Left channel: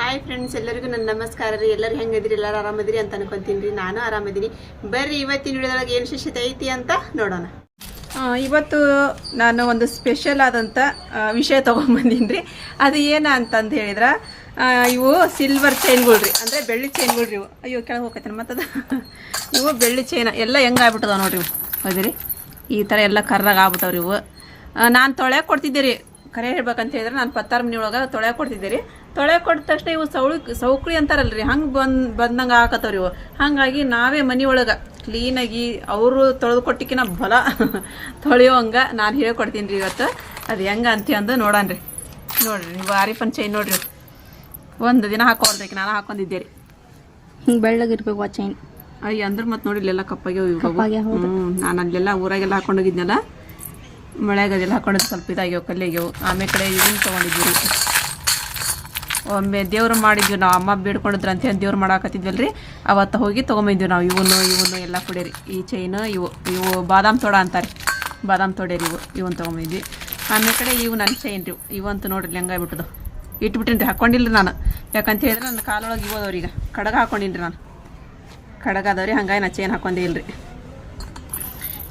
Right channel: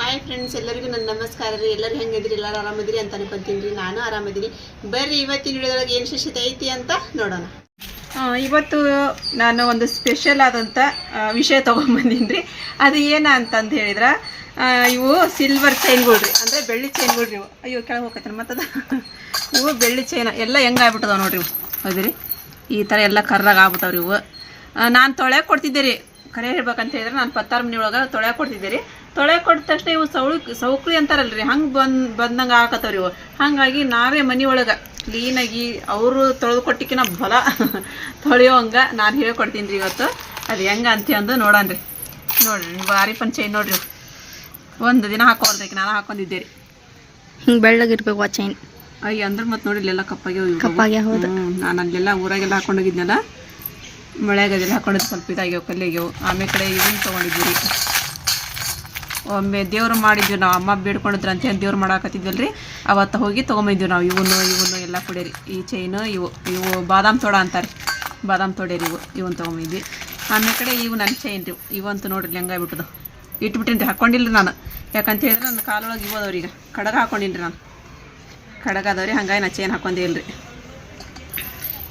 Hi friends ಎಲ್ಲರಿಗೂ ನನ್ನ ನಮಸ್ಕಾರ ರೀ. ಎಲ್ಲರೂ ಹೆಂಗಿದ್ರಿ ಎಲ್ಲರೂ ಆರಾಮದಿರಿ ಅಂತ ಅನ್ಕೊಂತೀನಿ ರೀ. ನಾನು ಆರಾಮದಿನಿ ಬರ್ರಿ, ಇವತ್ತಿನ ವಿಡಿಯೋದೊಳಗೆ ಏನು ವಿಶೇಷತೆ ಐತಿ ಅಂತ ನೋಡೋಣ. ಇವತ್ತು ನಾನು ಒಂದು ಸ್ಪೆಷಲ್ ಆದಂಥ ವಿಷಯ ತೊಗೊಂಬಂದೀನಿ ರೀ. ಅದು ಏನ ಅಂತಂದು ಹೇಳಿದ್ರೆ ಇವು ಸಿಲ್ವರ್ ಚೈನ್ಗಳು ರೀ. ಅಂದರೆ ಬೆಳ್ಳಿ ಚೈನ್ಗಳು ರೀ ಅಯ್ಯೋ, ಕೆಳಗೆ ಹೋಗತ್ತಾನ ಮತ್ತದ. ಇವು ಬೆಳ್ಳಿ ಚೈನ್ ಎಲ್ಲ ಹೆಂಗೆ ಆಗ್ಬಿಟ್ಟದ ನೋಡ್ರಿ ಇವು. ಹೌದ್ರಿ? ಈ ಥರ ಎಲ್ಲ ಕರ್ರಾಗ ಆಗ್ಬಿಟ್ಟವ್ರಿ ಇವು. ನಾನು ತೊಳೆ ಕೊಡ್ತಿದ್ದೆ ರೀ. ಕರೆ ಹೇಳ್ಬೇಕಂತ ಹೇಳಿದ್ರೆ ನಾನು ಪತ್ತಾರು ಮನೆ ಒಳಗೆ ತೊಳೆ ಕೊಡ್ತಿದ್ದೆ ರೀ. ತೊಳೆ ಕೊಟ್ಟ ತಕ್ಷಣ ಇವು ಸೌಳು ಸೌಕ್ಳಿ ಅಂತಾರಲ್ರಿ ಹಂಗೆ ಬಂದು ಬಂದಂಗೆ ಹಾಕತ್ತವ್ರಿ ಇವು. ಹಾಗಾಗಿ ನಾವೇ ಮನೆ ಒಳಗೆ ಕ್ಲೀನಾಗಿ ಅವರು ತೊಳೆದು ಕೊಟ್ಟಿಕಿನ ಬಲ ತೊಳೆಯೋಂಗ ನಾನು ಹೇಳ್ಕೊಡ್ತೀನಿ ರೀ ಇವತ್ತು. ಅದು ಹೆಂಗೆ ಅಂತ ಅಂದು ನೋಡೋಣ ರೀ ನೋಡ್ರಿ ಭಾರಿ ಚೈನ್ ನೋಡ್ರಿ. ಒಂದು ದಿನ ಹಾಕೊಂಡ್ರಿ ನಾನು ಹಾಕೊಂಡಿದ್ದೆ ರೀ ಹಿಂಗೆ ಬೆಳ್ಳಗಿರ್ಬೇಕು ಆ ಚೈನ್ ಅಯ್ಯ ಅಂದ್ರೆ ಮತ್ತೆ ನೋಡಿ ಇಲ್ಲೆಲ್ಲ ಕಪ್ಪಾಗೆ ಕಪ್ಪಾಗ್ಯಾವ, ಹೌದು. ನಾನು ಅಲ್ಲೆಲ್ಲ ಊರಾಗೆಲ್ಲ ಹಾಕೊಂಡೋಗಿದ್ನಲ್ಲ ಮಳೆಗಾಗೆಲ್ಲ ಹಾಕೊಂಡಿದ್ದು ಸ್ವಲ್ಪ ಇದಾಗ್ಯಾವ ಕಲ್ಲಿಗೆ ಆಮೇಲೆ ಕಡೆ ಇವನ್ ತೊಗೊಂಡಿದ್ದೀವಿ ರೀ ಒಮ್ಮೆ ದೇವ್ರು ಮಾಡಿದ್ವಿ ನಾವು ಅಮ್ಮ ಬೇಡ್ಕೊಂಡಿದ್ರು ಅಂತೇಳಿ ದೇವ್ರು ರೀ ಅವತ್ತು ಹೋಗಿ ತೊಗೊಂಬಂದ್ವಿ ನಾವು ಇವನು ಇವನು ಎಲ್ಲ ಕೊಡೇರಿ. ಈ ಚೈನು ಇವು ಇವು ಬಾದಾಮ್ ತೋಡ ಅಂತಾರೆ. ಬಾದಾಮ್ ತೋಡೇರಿ ಇವು ಇವನ್ ತೊಗೊಂಬಂದ್ವಿ. ಆಮೇಲೆ ಕಡೆ ಇವು ನನ್ನ ಚೈನ್ ರೀ ಇವಂತೂ ನೋಡ್ರಿ ಹೆಂಗಾಗ್ಬಿಟ್ಟದು ಇಟ್ಬಿಟ್ಟಿನಿ ರೀ ಹಾಕೊಂಡಿಲ್ಲ ನಾನು. ಯಾಕಂತ ಹೇಳಿದ್ರೆ ನನ್ನ ಕಾಲೊಳಗೆ ಇವು ಈಗ ಕಡಗ ಹಾಕೊಂಡಿಲ್ಲ ರೀ ನಾನು. ಕಡಗ ಅದಾವ್ರಿ ಹಂಗಾಗಿ ನಾ ಚೈನ್ ಹಾಕೊಂಡಿಲ್ಲ ರೀ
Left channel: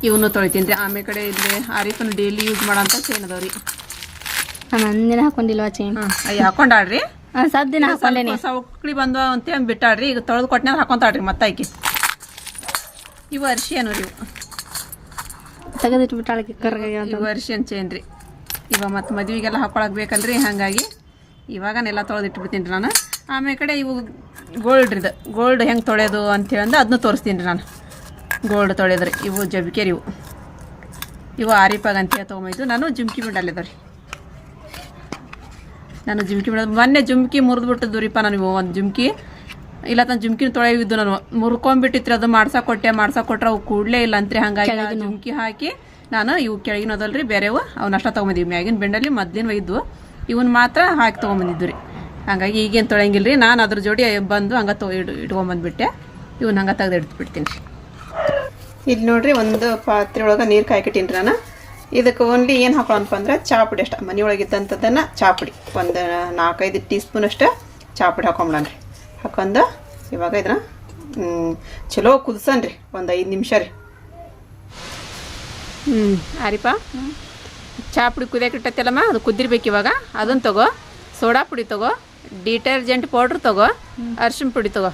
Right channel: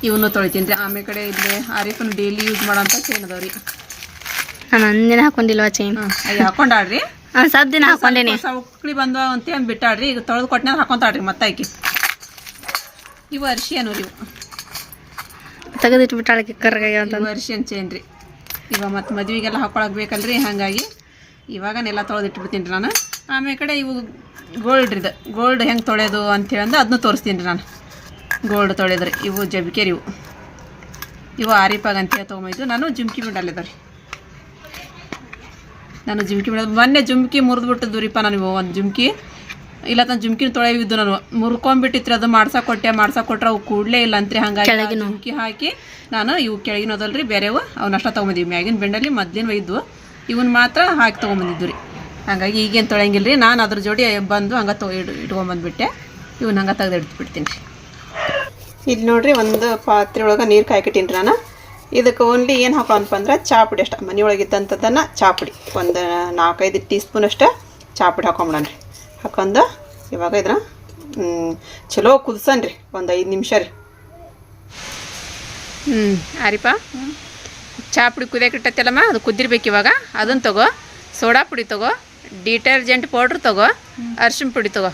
ಇವನು ತೊಳಿತೀನಿ ರೀ ಆಮೇಲೆ ಕಡೆ ಇಲ್ಲಿ ಆರೀಫನ್ನು ಡೈಲಿ ಯೂಸ್ ಮಾಡೋಂಥ ಚೈನ್ ಅದಾವ್ರಿ. ನಾನು ಅಂದಿನ ಹಾಕೊಂಡಿಲ್ವ ಚೈನ್ ಹಾಂ ಅಯ್ಯ ಹಾಕೊಂಡಾಡ್ರಿ ಹಾಂ ಸದ್ ದಿನ ಹಾಕೊಂಡೇನಿ. ಸೌಕ್ಳಿ ಬಂದು ಅಂತ ಅಂದ್ ಬಿಟ್ಟಾಡ್ರಿ ಈಗ ತೊಳೆದು ಕೊಟ್ಟನೆ ಹಾಕೊಂತಾಳ್ರಿ ಮತ್ತೆ ಆಕಿ. ಇವು ಅರ್ಶಿಯನು ರೀ ಇವು. ತೆಗೆದಿಟ್ಬಿಟ್ಟಾಳಕ್ಕೆ ಕರ್ಗಾಗ್ಯಾವ ಅಂತ. ಇವು ಅರ್ಶಿಯನ್ ಚೈನ್ ರೀ ಇವ ಮತ್ತು ಮದ್ವೆಗೆಲ್ಲ ಹಾಕೊಳಕ್ ಬೇಕಲ್ರಿ ಹಾಗಾಗಿ ಇವಾಗನೆಲ್ಲ ತೊಳೆದಿಟ್ಬಿಡ್ತೀನಿ ರೀ ನಾನು. ಆಮೇಲೆ ಕಡೆ ಇವು ಗೋಲ್ಡ್ ಇದು ಗೋಲ್ಡ್ ಹೆಂಗೆ ತೊಳೆಯೋದು ಅಂತೇಳಿ ಅಂದ್ರೆ ಅದನ್ನು ತೋರಿಸ್ತೀನಿ ರೀ ನಾನು. ಗೋಲ್ಡ್ ತೊಳೆದ್ರಿ ಇವು ಜಬಿಕೆರಿ ಇವು. ಇವು ಆರಿಪಾಗ ಅಂತೇಳಿ ತೊಗೊಂಬೈದು ನಾನು ಜುಮ್ಕಿ ಬಿಡಲ್ಲಿದ್ದಾವೆ ರೀ ನಾನು ಜುಮ್ಕಿ ಬಿಡೋದು. ಮೊನ್ನೆ ಜುಮ್ಕಿ ಮುರಿದು ಬಿಟ್ಟಿದ್ದು ರೀಪ ನಾನು ಒಂದು ಜುಮ್ಕಿ. ಇಲ್ಲ ತನ್ನ ಜುಮ್ಕಿನ ತೊಳೆಯಿದ್ದು ನಾನು. ಮುರ್ಕೊಂಡ್ಬಿಟ್ಟಿತ್ರಿ ಅದು ಮಾಡ್ಸಾ ಕೊಟ್ಟೆ ಮಾಡ್ಸಾ ಕೊಟ್ರೆ ಅವು ಕೂಡಲೇ ಇಲ್ಲ ಅಂತ್ರಿ. ಹಂಗಾಗಿ ಜುಮ್ಕಿ ಹಾಕಿ ನಾನು ಇವು ಕೆಳಗಿನ ಅದಲ್ರಿ ಬೇರೆವು ಅವನ್ನ ಅಷ್ಟ ತೊಗೊಂಬಂದಿವಿ. ಮ್ಯಾಗಿನ ಬೆಂಡಲ್ಲಿ ಮೊದ್ಲಿನ ಒಯ್ದು ಇವನ್ ಮಾತ್ರ ಹಾಕಿ ತೊಗೊಂಬಂದಿದ್ದು ರೀ. ಹಂಗಾಗಿ ಈಗೇನು ತೊಳೆಯಂಗಿಲ್ಲ ರೀ ನಾನು ಅದ್ರ ಜೋಡಿ ಬಂದು ಹಂಗೆ ತೊ ಇಡ್ ಇಟ್ಕೊಂಬಂದ್ಬಿಟ್ಟೆ. ಇವನ್ನ ಹಂಗೆ ತೆಗೆದು ಇಡ್ಬಿಡ್ತೀನಿ ರೀ. ಇಲ್ಲಿ ನೋಡ್ರಿ ಒಂದು ಪಾತ್ರೆ ಒಳಗೆ ನೀರು ಕಾಯ್ಕಿಟ್ಟೀನಿ ನಾನು. ಇದಕ್ಕೆ ಓನ್ಲಿ ಏನು ಹಾಕೋಣಪ್ಪ ಅಂದ್ರೆ ಚಾಪುಡಿ ಅಷ್ಟೇ. ಮನೆಯೊಳಗೆ ಇದ್ದಂಥದ್ದನ್ನು ಪುಡಿ. ಒಂದು ನಾಲ್ಕೈದು ಟೀ ಸ್ಪೂನ್ ಅಷ್ಟೇ ಚಾಪುಡಿ ರೀ ಹಾಕೊಂಡು ಇವಾಗ ಇದನ್ನ ಚಲೋ ಕುದಿಸನ್ರಿ. ಒಂದು ಐದು ನಿಮಿಷ ರೀ. ಹ್ಞೂ ಆರಿಪ ಚಹಾ ಪುಡಿ ಕುದಿಯಕ್ಕೆ ಇಟ್ಟತ್ತಲ್ಲಮ್ಮ ಅದು ಕುದಿರ್ಬೇಕು ಇವಾಗ. ಅದನ್ನು ತಗೋ ಸೋಡಾ ಪುಡಿ ತಗೋ ಡಿಟರ್ಜೆಂಟ್ ಪೌಡ್ರ್ ತಗೋ ಅರ್ಶಿಣ ಪುಡಿ ತಗೋ.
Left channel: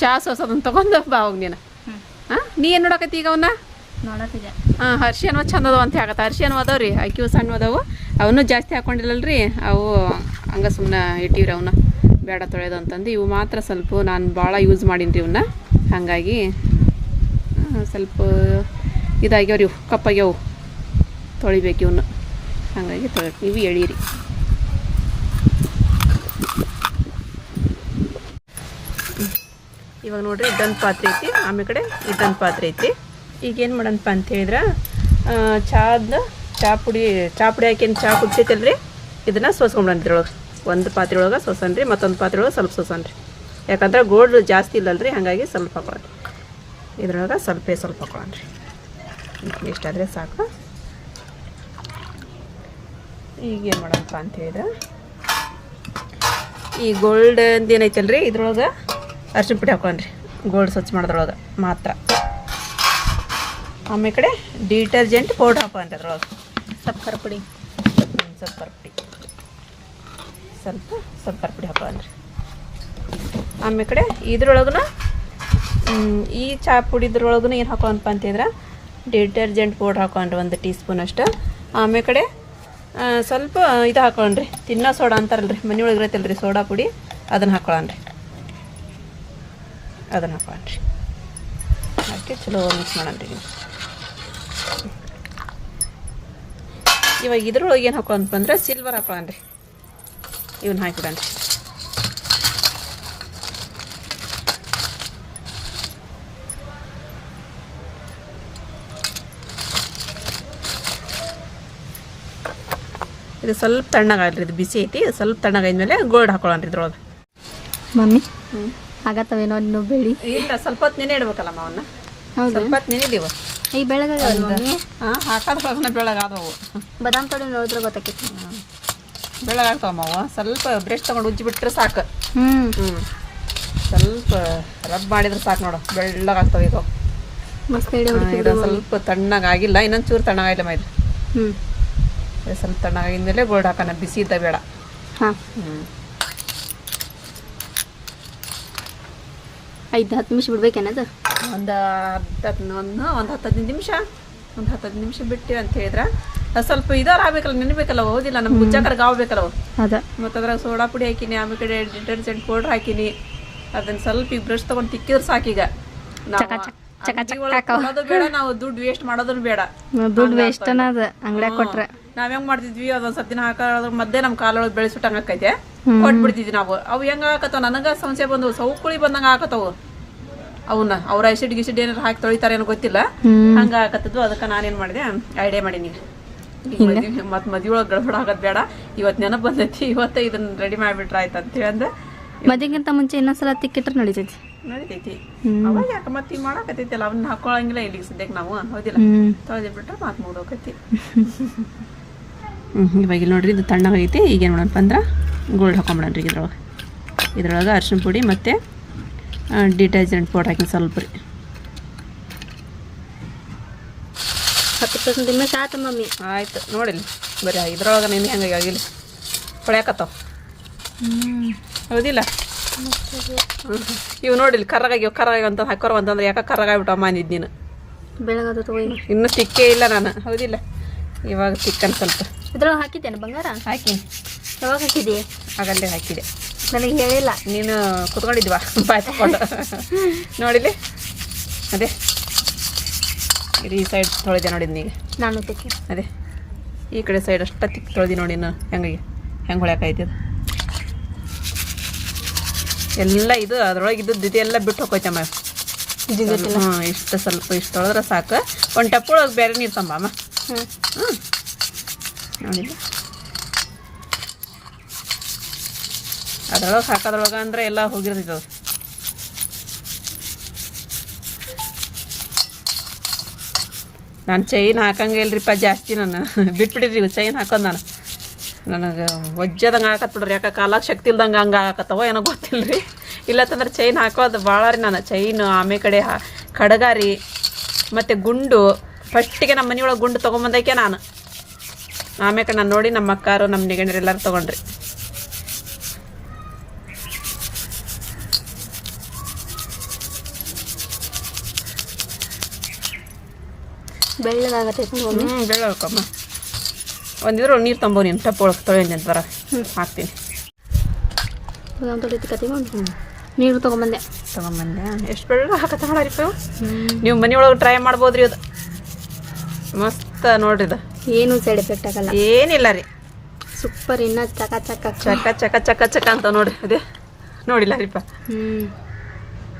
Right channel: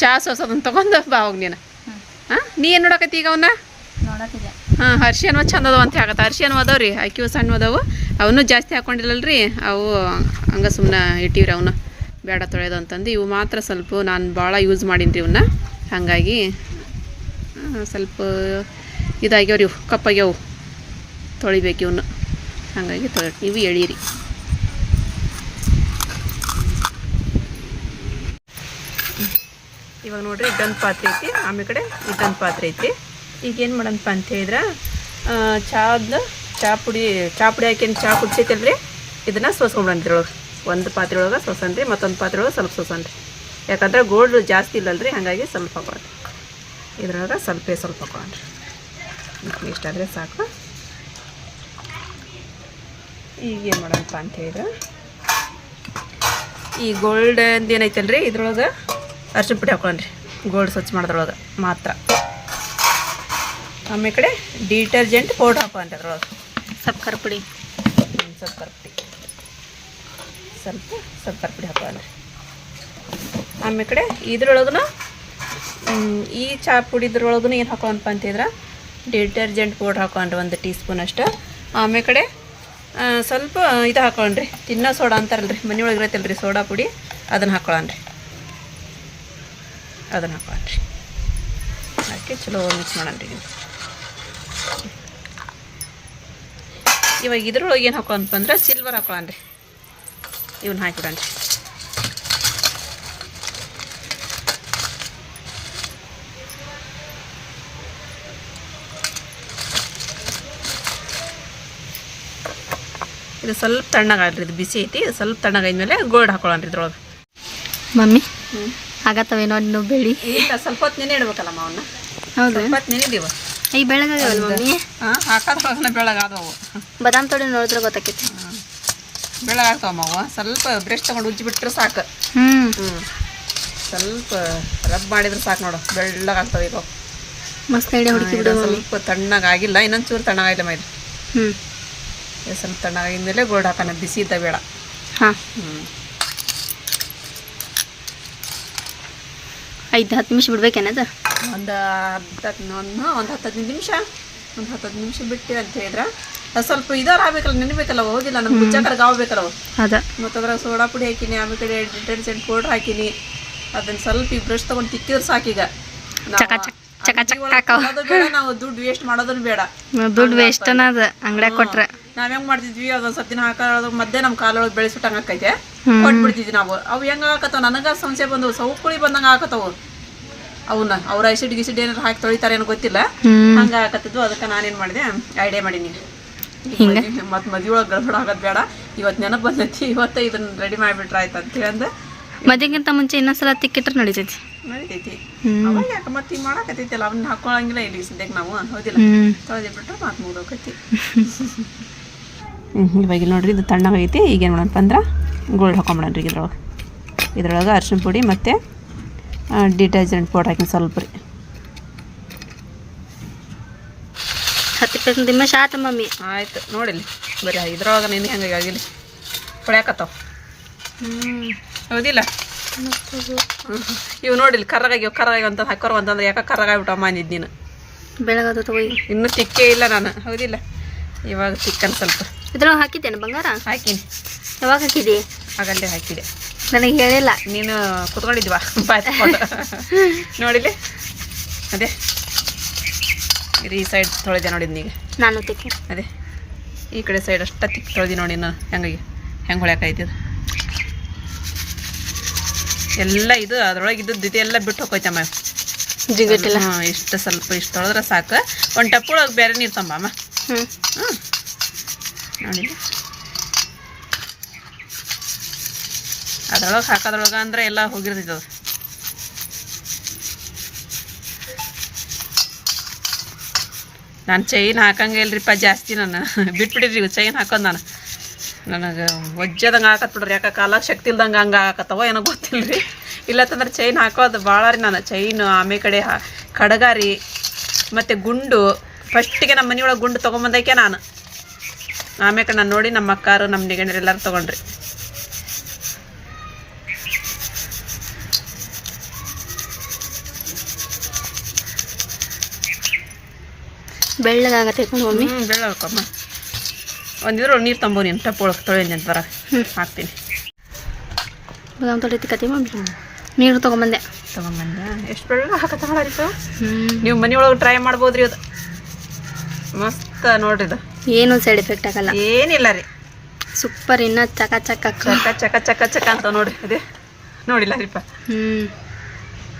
ಚಾ ಸೋಸೋದನ್ನು ತಗೊಂಡು ಬಾ ಹೋಗಿ ನೀನು. ಹಾಂ ನೀ ಏನು ನೋಡಕತ್ತಿ ಈಗ ಅವನ್ನ ಹಾಂ ಹರ್ಷಿಯನ್ವ ಚಂದ ಅದಾವ ಅಂತ ಆಗತ್ತೆ ಹರ್ಷಿಯನ್ವ ಅದಾವ ರೀ ಅಕ್ಕಿವು ಸಣ್ಣ ಅದಾವು. ಅವನು ಜಾಸ್ತಿ ಹಾಕೊಂಡಿಲ್ಲಲ್ರಿ, ಅವು ಹಂಗ ಸುಮ್ಮನೆ ಇಟ್ಟಿವ್ರಿ ಅವನ್ನ ಬೇಡ ತೊಳೆಯೋದು ಅಂತಂದು. ಇವು ಮಾತ್ರ ಸ್ವಲ್ಪ ನಾನು ಭಾಳ ಯೂಸ್ ಮಾಡೀನಿ ರೀ ಇವನ್ನ ಹಾಗಾಗಿ ಸ್ವಲ್ಪ ಇದಾಗ್ಯಾವ್ರಿ ಇವು, ಕಪ್ಪಾಗ್ಯಾವು. ತೊಳಿಬೇಕು ಇವನ್ನ ಹಾಗಾಗಿ ತೊಳಿ, ಇವು ಎಳೀರಿ. ಇವಾಗ ನೋಡ್ರಿ ಇದ್ದೊಂದು ಪಾತ್ರೆ ಐತಿ, ಆಮೇಲೆ ಕಡೆ ಇದ್ದಂದು ಪಾತ್ರೆ ಐತಿ. ಈಗ ಏನು ಮಾಡಂತ ಅಂತ ಹೇಳಿದ್ರೆ ಚಹಾದ ಚಹಾ ಪುಡಿ ಚಹಾ ಪುಡಿ ಹಾಕಿ ಚಹಾ ಕುಡ್ಸೈತಲ್ರಿ ಇದನ್ನು ಸೋಸ್ಕೊಂಬಿಡಂತ್ರಿ ಒಳಗೆ. ಒಂದು ಪಾತ್ರೆ ಒಳಗೆ ಸೋಸನ್ರಿ ಮತ್ತೊಂದು ಪಾತ್ರೆ ಒಳಗೆ ಸ್ವಲ್ಪ ಸೋಸನ್ರಿ ಯಾಕಂದ್ರೆ ಗೋಲ್ಡ್ ಜಾಸ್ತಿ ಇಲ್ಲಲ್ರಿ, ಹಾಗಾಗಿ ಸ್ವಲ್ಪ ಹಾಕೊಳ್ಳೋದು ಇದ್ರೊಳಗೆ ಸ್ವಲ್ಪ ಸ್ವಲ್ಪ ಹಾಕೊಳ್ಳೋಣ್ರಿ ಇಷ್ಟಾದರೆ ಸಾಕು. ಈಗ ಏನು ಮಾಡಂತ ಅಂತ ಹೇಳಿದ್ರೆ, ಈ ಗೋಲ್ಡ್ ಏನೈತಲ್ರಿ, ಇದ್ರೊಳಗೆ ಅರ್ಶಿನ ಪುಡಿ ಹಾಕೊಳ್ಳೋಣ್ರಿ ಗೋಲ್ಡ್ ಸ್ವಚ್ಛ ಮಾಡೋದ್ರೊಳಗೆ ಮಾತ್ರ. ಆಮೇಲೆ ಕಡೆ ಡಿಟರ್ಜೆಂಟ್ ಪೌಡ್ರ್ ಹಾಕೋ ಅದ್ರೊಳಗೆ ಸಕ್ಕರೆ ಪುಡಿ. ಸಕ್ಕರೆ ಪುಡಿ. ಸ್ವಲ್ಪ ಸಕ್ಕರೆ ಪುಡಿ ಹಾಕೊಳ್ಳೋಣ್ರಿ ಆಮೇಲೆ ಕಡೆ ಇದ್ರೊಳಗೂ ಈ ಚಹಾ ಪುಡಿದ್ರೊಳಗೂ ಏನು ಹಾಕೋ ಅಂತ ಅಂತಿದ್ರೆ ಡಿಟರ್ಜೆಂಟ್ ಪೌಡ್ರ್ ಹಾಕೊಂಡ್ರಿ ಒಂದು ಟೀ ಸ್ಪೂನ್ ಅಷ್ಟು. ಆಮೇಲೆ ಕಡೆ ಸ್ವಲ್ಪ ಇದು ಹಾಕೊಂಡ್ರಿ ತಿನ್ನ ಸೋಡಾ ಅಂತಾರಲ್ರಿ ಮನೆಯೊಳಗೆ ಇರತ್ತಲ್ರಿ ಸೋಡಾ ಪುಡಿ ಅದನ್ನು ಹಾಕೊಳ್ಳೋಣ್ರಿ ಅದನ್ನು ಹಾಕೊಳ್ಳ್ರಿ ಅದಕ್ಕೆ ಚಲೋ ಮಿಕ್ಸ್ ಮಾಡೋಣ್ರಿ ನೀವು. ಇವಾಗ ಇದ್ರೊಳಗೆ ಏನು ಹಾಕೋ ಅಂದ್ರೆ ಸಿಲ್ವರ್ ಹಾಕೊಳ್ಳಿ ಇವನ್ನ ಹಾಕಿಬಿಡಣ್ರಿ ಇದು ಸ್ವಲ್ಪ ತಣ್ಣಗಾಗ್ರಿ ಇದು ಬಿಸಿ ಐತಿ ಸ್ವಲ್ಪ ತಣ್ಣಗಾದ್ಮೇಲೆ ಗೋಲ್ಡ್ ಹಾಕೊಳ್ಳಿ ಇದ್ರೊಳಗೆ. ಮಮ್ಮಿ ಆಗತ್ತವೇನೋ ನೀವು ಬೆಳಿ? ಸ್ವಲ್ಪ ಹೊತ್ತು ನೆನೆ ಇಡ್ಬೇಕಲ್ಲಮ್ಮ ಅವನ್ನ ಹೌದು ಸ್ವಲ್ಪ ಹೊತ್ತು ನೆನೆದೀವ ಈ ಬೆಳಗಾಗ್ಯಾವಲ್ಲ ಮಮ್ಮಿ? ಹಾಕೋದ್ರೊಳಗನ ಬೆಳಗಾದವು. ಬದಾಮ್ ತೊಡೆ ನೋಡಿದ್ರೆ ಗೊತ್ತಾಕೈತಿ. ಬೆಳಗಾಗ್ತಾವಮ್ಮ ಸ್ವಲ್ಪ ಬ್ರಷ್ ತಗೊಂಡು ಉಜ್ಜಿ ಬಿಟ್ರೆ ಸಾಕು ಹ್ಞೂ ಸ್ವಲ್ಪ ರಬ್ ಮಾಡಿದ್ರೆ ಸಾಕು ನೋಡು. ಬೆಳ್ಳಗಾಗ್ತವೆ ಈಗ. ಮಸ್ತ್ ಐಡಿಯಾ ಹುಡುಕಿ ಬಿಡು ಸ್ವಲ್ಪ ತಣ್ಣಗಾಗಿಲ್ಲ ಇನ್ನೊಂದು ಚೂರು ತಣ್ಣಗಾಗಿಲ್ಲ ಇದು ಹ್ಞೂ ಸ್ವಲ್ಪ ಸ್ವಲ್ಪ ತಣ್ಣಗಾಗಿದ್ಮೇಲೆ ಗೋಲ್ಡ್ ಹಾಕೋಣ ಬಿಸಿ ಇದ್ದ ಬೇಡ. ಹಾಂ. ಹ್ಞೂ ಐದು ಹತ್ತು ನಿಮಿಷ ಬಿಡ್ಬೇಕೇನದು ಒಂದು ಹತ್ತು ಒಂದು ಒಂದು ಹತ್ತು ಹದಿನೈದು ನಿಮಿಷ ಒಂದು ಹತ್ತು ಹದಿನೈದು ನಿಮಿಷ ಬಿಟ್ಟು ಅಂತ ಹೇಳಿದ್ರೆ. ಅದು ಸ್ವಲ್ಪ ಇದಾರ ಆಗ್ಬೇಕಲ್ಲ ನೆನಬೇಕಲ್ಲ ಓದಿಲ್ಲ ನಮ್ಮ ಗುಜ್ಜಾಕರ್ಗೆ ಆಗ್ಬೇಕಲ್ಲ ಅದ. ಮತ್ತು ಅದ್ರಾಗ ಸೋಡಾ ಪುಡಿ ಹಾಕಿನಿ ಆಮೇಲೆ ಡಿಟರ್ಜೆಂಟ್ ಪೌಡ್ರ್ ಹಾಕಿನಿ ಅದನ್ನ ಸ್ವಲ್ಪ ಈ ಬ್ರಷ್ ತಗೊಂಡು ತಿಕ್ಕಿದ್ರೆ ಸಾಕೀಗ ನಾವು ದುಡ್ಡು ವೇಸ್ಟ್ ಮಾಡೋದನ್ನ ಬೇಡ. ದುಡ್ಡು ವೇಸ್ಟ್ ಅನ್ನೋದು ಅಂಗಡ್ಯಾಗ ಕೊಟ್ರೆ. ನಾವ್ ಹೆಂಗ್ ಮಾಡ್ತಿದ್ವಿ ಅದೊಂದ್ ಸ್ವಲ್ಪ ದಿನ ಹಾಕೋದ್ರ ಮಧ್ಯೆ ನಮ್ಮ ಕಾಲೊಳಗೆ ಬೆಳೆಸಿಟ್ಟಂಗ ಆಕೈತೆ. ಕೊಟ್ಬಿಡ್ತಿದ್ವಿ ನಾವು. ಅವು ಹೆಂಗ ಹಾಕತ್ತಾವ? ನನಗ ಸಂಶಯ ಬಂದವು ಸೌಕುಳಿ ಬಂದಂಗ ಹಾಕತ್ತಾವು. ಅವನ್ನ ಅವ್ರ ಐಸಿಡ್ ಗಿಸಿಡ್ ಏನಾರು ಹಾಕಿ ತೊಳಿತಾರೆ ಏನೋ ಗೊತ್ತಿಲ್ಲ. ಹಂಗ ಹಾಕತ್ತಿದ್ವು ಅದಕ್ಕೆ ನಾನೇನ್ ಮಾಡಿದೆ ಐಡಿಯಾ ಮಾಡೀನಿ. ಮತ್ತೆ ಮದ್ವೆ ಒಳಗೆ ಗಡ್ಬಡ ಆಗೋದು ಬೇಡ. ಇವತ್ತು ನೆನಪು ಬಂದೈತಿ ಇವತ್ತೇ ಇದನ್ನ ರೆಡಿ ಮಾಡಿಬಿಟ್ರೆ ಆಯ್ತು ಅಂತ ಹೇಳಂದ. ಮದುವೆಗಿಂತ ಮುಂಚೆ ಇನ್ನೊಂದ್ಸಲ ತಿಕ್ಕಿಟ್ರೆ ನಡೀತೈತಿ. ನಡೀತೈತಿ. ಅವಾಗ ಯಾಕೆ ಮತ್ತೆ ಈಗ ಮಾಡಕತ್ತೈತಿಲ್ಲ ಅವನ್ನ ಹಾಕೊಳಂಗಿಲ್ಲ ಇಲ್ಲಿ ಸದ್ಯಕ್ಕೆ ನಾವು ಹೌದಿಲ್ಲ? ಮಾತು ಮುಗ್ದೋಕೈತಿ. ಹ್ಞೂ ಇವಾಗ ನೋಡ್ರಿ ಇದು ತಣ್ಣಗೈತಿ ಈಗೇನು ಮಾಡೋಣಪ್ಪ ಅಂದ್ರೆ ಗೋಲ್ಡ್ ಹಾಕೊಂಬಿಡೋಣ್ರಿ ಇದ್ರೊಳಗೆ. ಇದ್ರೊಳಗೆ ಅರ್ಶಿನ ಪುಡಿ ಮತ್ತು ಡಿಟರ್ಜೆಂಟ್ ಪೌಡ್ರ್ ಹಾಕಿ ಸ್ವಲ್ಪ ರೀ. ಹತ್ತು ಇಪ್ಪತ್ತು ನಿಮಿಷ ಆಯ್ತು ಮಮ್ಮಿ. ಆಯ್ತು ನೋಡಿಲ್ಲ. ಬರೀ ಇದ್ರೊಳಗೆ ನೀನು ಹೆಂಗೆ ಆಗಿಲ್ಲ. ಹೊಳ್ಯಾಕತ್ತಾವ. ಹ್ಞೂ ಹೌದಿಲ್ಲ? ಇವು ನೋಡಿಲ್ಲ ಕರ್ರಾಗಿ ಕರ್ರಾಗಿ ಅಂತ ಹಾಕೋರು ಅಂತಂದ್ರೆ ಯಾಕೆ ಕರ್ರಗಾಗ್ಬಿಟ್ಟು ಅಂದಿದ್ದು ನೀನು. ಬೆಳಗದು ಇನ್ನೂ ತಿಕ್ಕೇ ಇಲ್ಲ ನಾನು. ಹೌದಿಲ್ಲ? ಇವಾಗ ತಿಕ್ಕನ್ ಸ್ವಲ್ಪ. ಇದ್ರೊಳಗೆ ಹಾಕಿದ್ದೇನೆ ಬಂಗಾರ? ಹಾಕಿನಿ. ಯಾವಾಗ ಹಾಕಿದೆ? ಆಗಲ್ಲೇ ಹಾಕಿದೆ. ನನಗೆ ಹೇಳಿಲ್ಲ ನೀನು ಕುತ್ಕೊಂಡಿದ್ವಾ? ಬಾಯ್ಸ್ಕೊಂಡು ನೋಡಿಲಿ? ಅದೇ. ಇದು ಈ ಸೈಡ್ ತೊಳೆದೆ ನೋಡಿದ್ ನೀಗ ನಾನು ತಿಕ್ಕಿ ಅದೇ. ಈ ಕಡೆ ಸೈಡ್ ಅಷ್ಟ ತಿಕ್ಕಿ ತೊಳೆದಿ ನೋಡಿ ನಾನು. ಹೆಂಗೆ ಹೆಂಗೆ ಹೊಳ್ಯಾಕೈತಿ ಎಲ್ಲ ಇದು ಅದ್ರೊಳಗೆ ಇದ್ದದ್ದು ಇದೆಲ್ಲ ಬಿಟ್ಟು ಹೋಗೋಯ್ತಮ್ಮ ಜಿಗಟಿಲ್ಲ. ಹ್ಞೂ ಇಷ್ಟು ಸ್ವಲ್ಪ ಇಷ್ಟು ತೊಳೆದ್ರೆ ಸಾಕು. ಒಂದು ಟಪ್ಪೊಳಗೆ ಬೇರೆ ನೀರು ತಂಬಮ್ಮ ಹ್ಞೂ ಹ್ಞೂ ಅದ್ರೊಳಗೆ ಹಾಕೋದ್ರೊಳಗೆ ಅಂದ್ರೆ ಎಲ್ಲ ಹೋಗಿರ್ತೈತೆ ಅದು. ನಾನು ಚೈನ್ ಹಾಕಂಗೆ ಇಲ್ರಿಪ್ಪ ಜಾಸ್ತಿ ನಾನು. ಬಿಟ್ಬಿಟ್ಟಿದ್ರಿ ಚೈನ್ ಹಾಕೋದು ನಾನು. ನನಗೆ ಒಜ್ಜದಂಗೆ ಹಾಕತ್ ಬಿಡ್ರಿ, ಯಾಕೆ ಕಾಲಾಗ ಶಕ್ತಿ ಇಲ್ದಂಗೆ ಹಂಗೆ ಹಾಕತ್ತವ ಏನೋ ಗೊತ್ತಿಲ್ಲ ರೀ ಇಲ್ಲತ್ತಂದ್ರೆ ಚೈನ್ ಹಾಕೋದು ಭಾಳ ರೀ ನಾನು. ಚೈನು ಆಮೇಲೆ ಕಡೆ ಹಾ ಕಡಗ ರೀ ಮತ್ತು ಗುಂಡು. ಫಸ್ಟಿಗೆ ನಮ್ಮ ಮನೆಯೊಳಗೆ ಗುಂಡು ತೊಗೊಂಬಂದಕ್ಕೆ ನಾನು. ಆಮೇಲೆ ನಾನು ನೋಡಿ ನಮ್ಮ ಅಕ್ಕಾರು ನಮ್ಮ ನಿಗಣ್ಯರು ಎಲ್ಲರೂ ತೊಗೊಂಡ್ರಿ. ಬೆಳ್ಳಗಾಗತ್ತೈತೆ ಮಮ್ಮಿ. ಹ್ಞೂ ಬೆಳ್ಳ ಹಾಕಮ್ಮ ಒಂದಿದ್ರು ನೀರು ತಂಬೋ ನೀನು ಟಪ್ ಒಳಗೆ ತೊಳೆದಿ ಅಂತ ಬರ ಹಾಕ್ತೀನಿ. ಬಾದಾಮ್ ಮಮ್ಮಿ? ನೀರು ತೊಗೊಂಬಂದೆ. ತಗೊಂಬಂದೆ. ಎಷ್ಟು ಬೆಳ್ಳ ಹಾಕತ್ತಗಳಿತ್ತು ಹ್ಞೂ ನೀವು ಮನೆಯೊಳಗೆ ಟ್ರೈ ಮಾಡ್ಬೋದ್ರಿ ಅದು ಮಸ್ತ್ ನೋಡ್ರಿ ಇದು. ಏನು ಸೈಡ್ ಎಫೆಕ್ಟ್ ಆಗಲ್ಲ. ಏನಿಲ್ಲ ರೀ. ಸೂಪರ್ ಇನ್ನ ಚಕ ಚಕ. ಚಕ ಚಕ ಚಕ ಚಕ ಅಂತ ನೋಡಿ ಅದೇ. ನೋಡಿಲ್ಲ ರೀಪ. ಹ್ಞೂ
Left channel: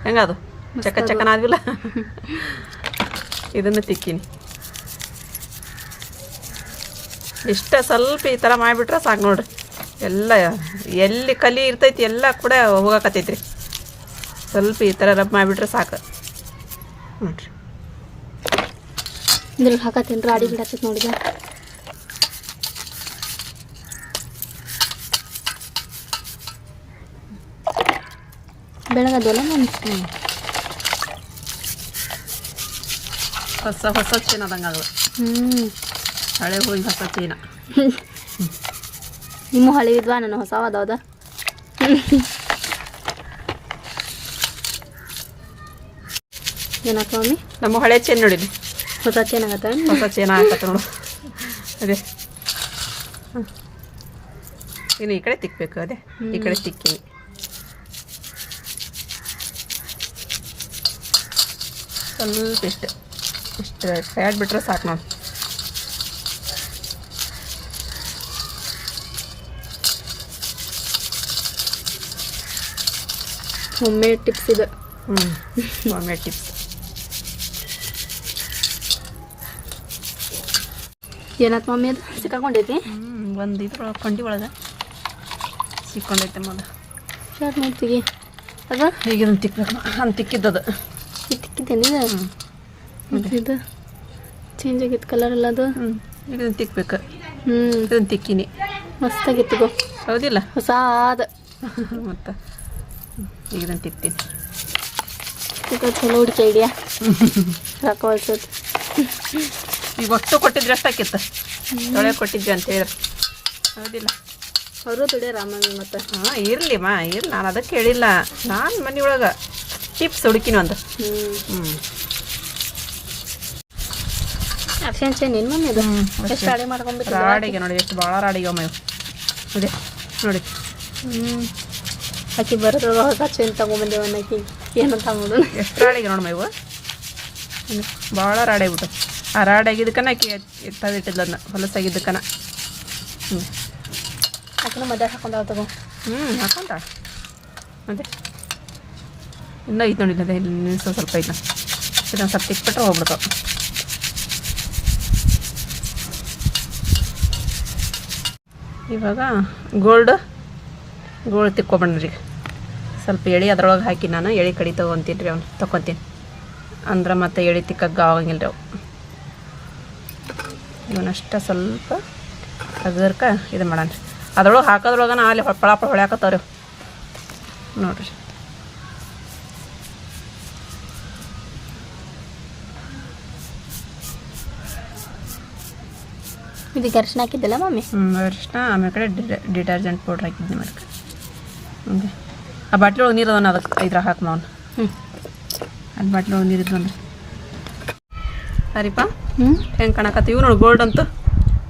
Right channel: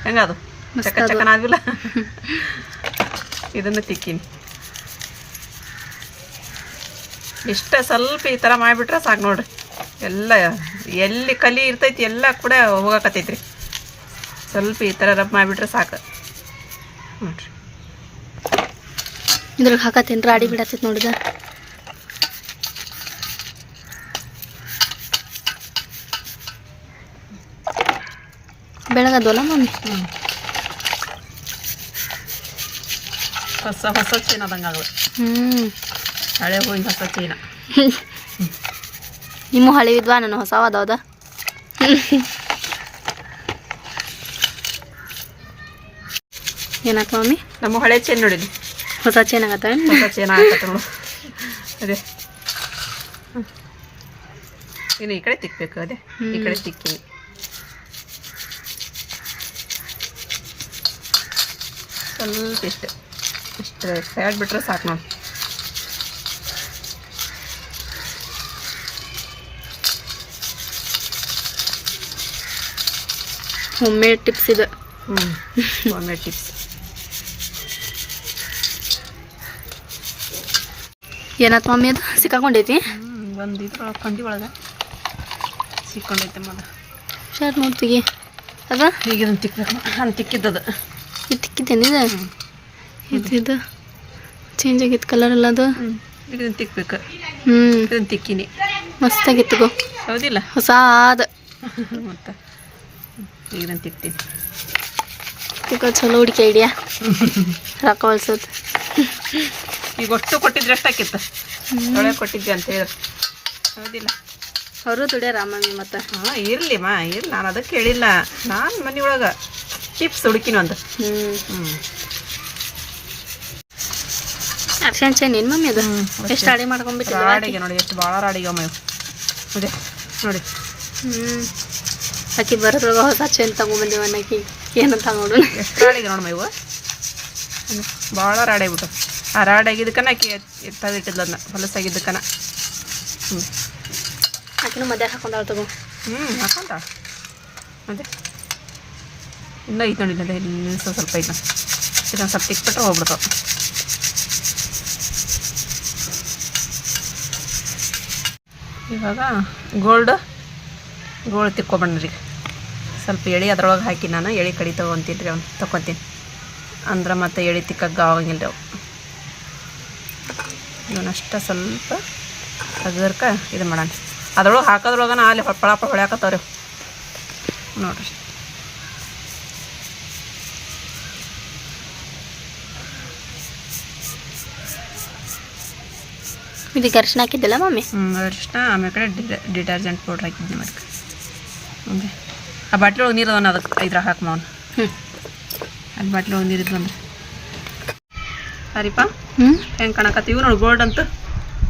ಹೆಂಗದು? ಚಕ ಚಕನ ಚಕನಾಗಿಲ್ಲ? ಇದನ್ನು ತಿಕ್ಕಿನಿ. ಇಷ್ಟ ಸ್ವಲ್ಪ ಈ ಥರ ಮಾಡಿಬಿಟ್ರೆ ಸಾಕು ನೋಡ್ರಿ. ಎಲ್ಲ ಎಲ್ಲಿ ಕಲಿ ಇರ್ತೈತಿ ಎಲ್ಲ ಕೂಡ ಹೋಗಕತ್ತೈತ್ರಿ. ಸ್ವಲ್ಪ ಈ ಥರ ರಬ್ ಮಾಡಿಬಿಟ್ರೆ ಸಾಕು. ನೋಡ್ರಿ. ಇದ್ರಾಗ ಹಾಕತ್ತೇನು ಅಡಿ ಬಿಡತ್ತೈತಿ ನೋಡಿದ ಬೆಳಗದಲ್ಲ ಮಮ್ಮಿ ಹೊಸ ಹೊಸ ತಿನ್ನೋದಂಗ ಹ್ಞೂ ಹಳೆ ಹೂವಿನ ಹೊಸ ಚೀನ ನಿಮ್ಮ ಹಳಿವಿದ್ವಾ ನಾನು ಹೊಸವ ಅದಾವದ ಏನಾಯ್ತು ಮಮ್ಮಿ ನಮ್ಮ ಹಳೆ ಚೇನ್ ನೋಡಿದ್ವಿ. ಹೊಸ ಚೆನ್ನಾಗತ್ತ ಹೊಸ ಚೇನ ಆಗತ್ತ ನೋಡು. ಅದೇ. ಇನ್ನು ಈ ಕಡೆ ತಿಕ್ಬೇಕು ಅದೇ. ಈ ಕಡೆ ತಿಕ್ಕಿನಿ. ಸ್ವಲ್ಪ ಇಷ್ಟೇ. ಇಷ್ಟು ಫ್ಯಾಟ್ ಬಿಟ್ರೆ ಸಾಕು ನೋಡಿ ಹೋಮ್ ಟಿಪ್ಸ್ ಇದು. ಒಮ್ಮೆ ಟಿಪ್ಸ್ ಏನಾಯ್ತು ಮಮ್ಮಿ ಅದು? ಸಿಕ್ಕಾಕೊಂಡೈತಿ ಒಂದು ಇದ್ರೊಳಗೆ ಕಂಡಿ ಒಳಗೆ. ಸಿಕ್ಕೊಂಡೈತೆ ಮಗ ಶರ್ಟ್ ನೋಡ್ತೀವಿ ಅದ? ಈಗ ಇದನ್ನು ತಿಕ್ಕಬೇಕು ಹಂಗೆ ತಿಕ್ಕಿದ್ದದು. ಇದು? ತಿಕ್ಕಿದ್ದೇನಿದೆ ಇದು ಇದು? ಚೇಂಜ್ ಆಗಿತ್ತು ಕಲರ್ ಎಲ್ಲ ಅದು? ಇದನ್ನು ತಿಕ್ಬೇಕು. ಹ್ಞೂ ಇದನ್ನು ತಿಕ್ಕಿನಿ. ಮಸ್ತಾಗಿತ್ತು ಗೋ. ಹೌದಿಲ್ಲ? ಹೊಸಾದ. ಮತ್ತು? ಇದನ್ನು ತಿಕ್ತೀನಿ ಈಗ ಚಲೋ ಹುಡುಕಿ ಐಡಿಯಾ. ರೊಕ್ಕ ಹೊಲ್ಸೋದು. ಈಗ ಒಟ್ಟು ಕೊಟ್ಟಿದ್ರೆ ಎಷ್ಟಾಕಿತ್ತು? ಒಳ್ಳೆ ಕೊಟ್ಟಿದ್ದೆ ಅಂತ ಹೇಳಿ. ಹೌದಿಲ್ಲ. ಅವರು ದುಡಿಯಾರ ಮಮ್ಮಿ ಮತ್ತೆ. ಹಾಂ ಇರಲಿ ಮಾ ಇರಲಿ. ನಾನು ಅದಕ್ಕೆ ಹೇಳಿಲ್ಲ. ನಾನು ಮನೆಯೊಳಗೆ ಚಿಪ್ಸ್ ಹುಡುಕಿನ ಒಂದು. ಅರ್ಶನ್ ಚೇನ್ ಏನು ಮಮ್ಮಿ ಅದು? ಎಷ್ಟು ಅಡಿಗೆ ಮಾಡ್ಕೊಂಡ್ಬಿಟ್ಟಿದ್ದೆ ರಾಡಿಗೆ ನೋಡಿ ಎಷ್ಟು ಭಾಳ ರಾಡಿಗೆ ಅಮ್ಮ ಇದೆ. ನೋಡಿ. ಹ್ಞೂ ಆಕಿ ಬರೋದ್ರಾಗ ಹೊಸ ಚೇನ್ ತಗೊಂಬಂದಿವ ಅನ್ನಕ್ಕೆ ಏನಂತ ನೋಡು. ಎಷ್ಟು ರಾಡಿಗೆ ನೋಡಿ ಮೇವು ಭಾಳ ರಾಡಾಗ್ಬಿಟ್ಟು ಆ ರಾಡಾಗಿದ್ದಕ್ಕನ ಆಕಿ ಎತ್ತಾವಿಟ್ಟಿದ್ಲ ಅದನ್ನ ಹೊಲಸಾಗಿದ್ದಕ್ಕನ ಹ್ಞೂ ಆಕಿನೂ ಮದ್ಯ ಹಾಕೊಂಡಾಳ ತಗೋ. ಹ್ಞೂ ಹಾಕೊಂತ ಮತ್ತೆ? ಇನ್ನೂ ಐತೆ ನೋಡಿ ಅದೇ ಇಲ್ಲಿ ಸ್ವಲ್ಪ ಐತೆ. ಇದನ್ನು ಸ್ವಲ್ಪ ತಿಕ್ಬಿಟ್ರೆ ಹೋಗ್ಬಿಡ್ತಾವ ಇವಾಗ ಗೋಲ್ಡ್ ಗೋಲ್ಡ್ ರೀ ಸ್ವಲ್ಪ ಎಳೆ ಅದ್ರೊಳಗೆ ಹಾಕಿ ನಾನು ಎಳೆ ಕಡಿ ತೊಗೊತೀನಿ ರೀ ಅವ್ನು ತೊಗೊತೀನಿ ಅಂದ್ರೆ ಮತ್ತೆ ಎಳೆ ತಿಕ್ಕಕ್ಕೆ ಆಗಂಗಿಲ್ಲ ರೀ ಅವು ಸ್ವಲ್ಪ ತೆಗ್ದರ್ಕ ಇದು ಮಾಡೋಣ. ಅದ್ರೊಳಗೆ ಹಾಕೋದ್ರೊಳಗನ ಅಲ್ಲಿ ಹೊಳಪಳ ಹೊಳ್ಯಾಕತ್ತವ್ರಿ. ನೋಡ್ರಿ. ಇದಕ್ಕೆ ಅರ್ಶಿನ ಹಾಕಿದ್ದಲ್ಲ ಮಮ್ಮಿ ಹ್ಞೂ ಅರಿಶಿನ ಆಮೇಲೆ ಕಡೆ ಡಿಟರ್ಜೆಂಟ್ ಪೌಡ್ರ್ ಹಾಕಿದ್ದೆ ಮತ್ತೆ. ಆ ಬಾಟ್ಲಿ ಒಳಗೆ ನೀರು ಅದನ್ನ ಅದಕ್ಕೆ ಇದ್ರಾಗ ಹಾಕಿ ಮಾವನ್ ಹ್ಞೂ ಅಲ್ಲಿ ಬಾಟ್ಲಿ ಒಳಗೆ ನೀರು ಇದ್ವಂದ್ರೆ ಸರಿಪಾ ಹ್ಞೂ ಹೆಂಗೆ ಕಾಣಕತ್ತೀವಿ ನೋಡಿ ಗೋಲ್ಡ್ ಅಂತ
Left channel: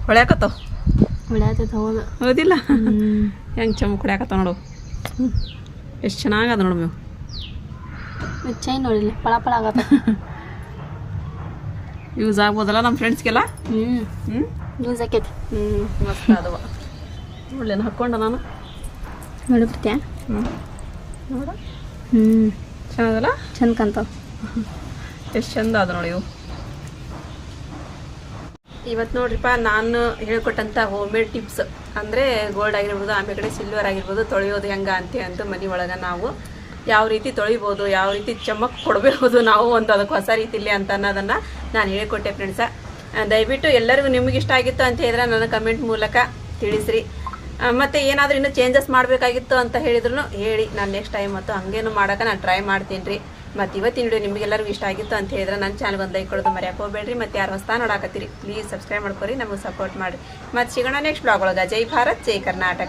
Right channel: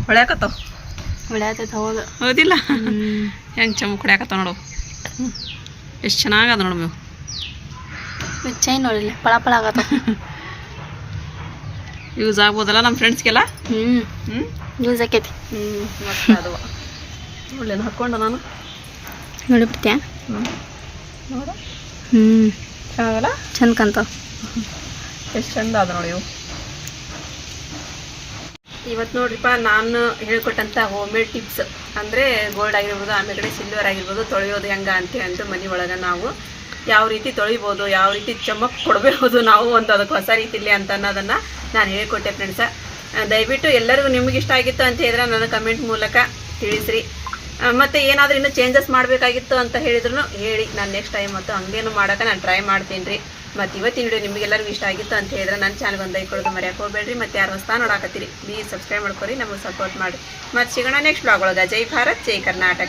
ಹೊಳ್ಯಾಕತ್ತವ. ಹೊಳ್ಯಾತೈತೆ ಹೌದು. ಹೌದಿಲ್ಲ? ಹೆಂಗೆ ಚಮಕ್ ಹೊಡ್ಯಾಕತ್ತಾವ ನೋಡು. ಹ್ಞೂ ಎಷ್ಟು ಚೆನ್ನಾಗದ ನೋಡು ನೀವು ಚೈನ್ ನೋಡಿಲ್ಲ ಪಳ ಪಳ ಆಗತ್ತ ಯೂಸ್ ಆಗ್ಬೋದಲ್ಲ ನಮ್ಮ ಫ್ರೆಂಡ್ಸ್ಗೆಲ್ಲ? ಹ್ಞೂ ಹ್ಞೂ ಯೂಸ್ ಆಕೈತಿ. ಹ್ಞೂ ಮಸ್ತ್ ಅದವ ಹಾಕ್ಕೊಂಡ ನಾನು. ನೋಡಿ ಬಿಡ್ತೀಯ ಹ್ಞೂ ಚೆನ್ನಾಗಲ್ಲ? ಚಂದ ಕಾಣ್ತಾವ. ಎಷ್ಟು ಚಂದ ಅದ ನೋಡಿ ಇವು. ಇವತ್ತು ನೋಡ್ರಿಪ್ಪ ನಾನು ಹೇಳ್ಕೊಟ್ಟಂಥ ಹೋಮ್ ಮೇಡ್ ಟಿಪ್ಸ್ ಅಂದರೆ ಗೋಲ್ಡ್ ಆಗಿರ್ಬೋದು ಆಮೇಲೆ ಕಡೆ ಸಿಲ್ವರ್ ಆಗಿರ್ಬೋದು ತೊಳೆಯೋದು ಹೆಂಗೆ ಅಂತ ಅಂದು ಮನೆ ಒಳಗೆ ನಾವು ಯಾವ ರೀತಿ ತೊಳಿಬೋದು ಯಾವ ರೀತಿ ಚಮಕ್ ಕೊಡಬಹುದು ನಾವು ಒಂದು ಅದಕ್ಕೆ ಹೊಸ ರೀತಿಲಿ ಅಂತ ಅನ್ನೋದನ್ನು ನಾನು ಹೇಳ್ಕೊಟ್ಟೆ ಫ್ರೆಂಡ್ಸ ದಯವಿಟ್ಟು ಎಲ್ಲರಿಗೂ ನಿಮ್ಗೆ ಇಷ್ಟ ಆಗಿತ್ತು ಅಂತ ಹೇಳಿದ್ರೆ ನನ್ನ ಕಮೆಂಟ್ ಮೂಲಕ ತಿಳಿಸ್ರಿ. ಮತ್ತೆ ಏನಾದರೂ ಇನ್ನೂ ಚೇಂಜಸ್ ಮಾಡಬೇಕಾಗಿತ್ತು ಅಂತ ಹೇಳಿದ್ರು ಹೇಳಿ, ನಾನು ನೆಕ್ಸ್ಟ್ ಟೈಮ್ ಮತ್ತು ಹಂಗೇನು ಮಾಡೋಕೆ ನಾನು ಟ್ರೈ ಮಾಡ್ತೀನಿ ರೀ ಮತ್ತು ಇವತ್ತಿನ ವಿಡಿಯೋ ನಿಮಗೆಲ್ಲರಿಗೂ ಇಷ್ಟ ಆಗಿತ್ತು ಅಂತ ಹೇಳಿದ್ರೆ ನನ್ನ ಚಾನಲ್ ಒಂದು ಐಕೊಳ್ಳೋದು ಮರ್ಯಾಕೆ ಹೋಗ್ಬೇಡ್ರಿ. ಮತ್ತು ಯಾರು ಹೊಸ ನೋಡಾಕತ್ತೀರಿ ಪ್ಲೀಸ್ ಸಬ್ಸ್ಕ್ರೈಬ್ ಮಾಡ್ಕೊರಿ, ನಮಗೆ ಸಪೋರ್ಟ್ ಮಾಡಿ ಮತ್ತು ಸಿಗೋಣ ನೆಕ್ಸ್ಟ್ ಬ್ಲಾಗ್ ಒಳಗೆ. ಜೈ ಭಾರತ್, ಜೈ ಕರ್ನಾಟಕ.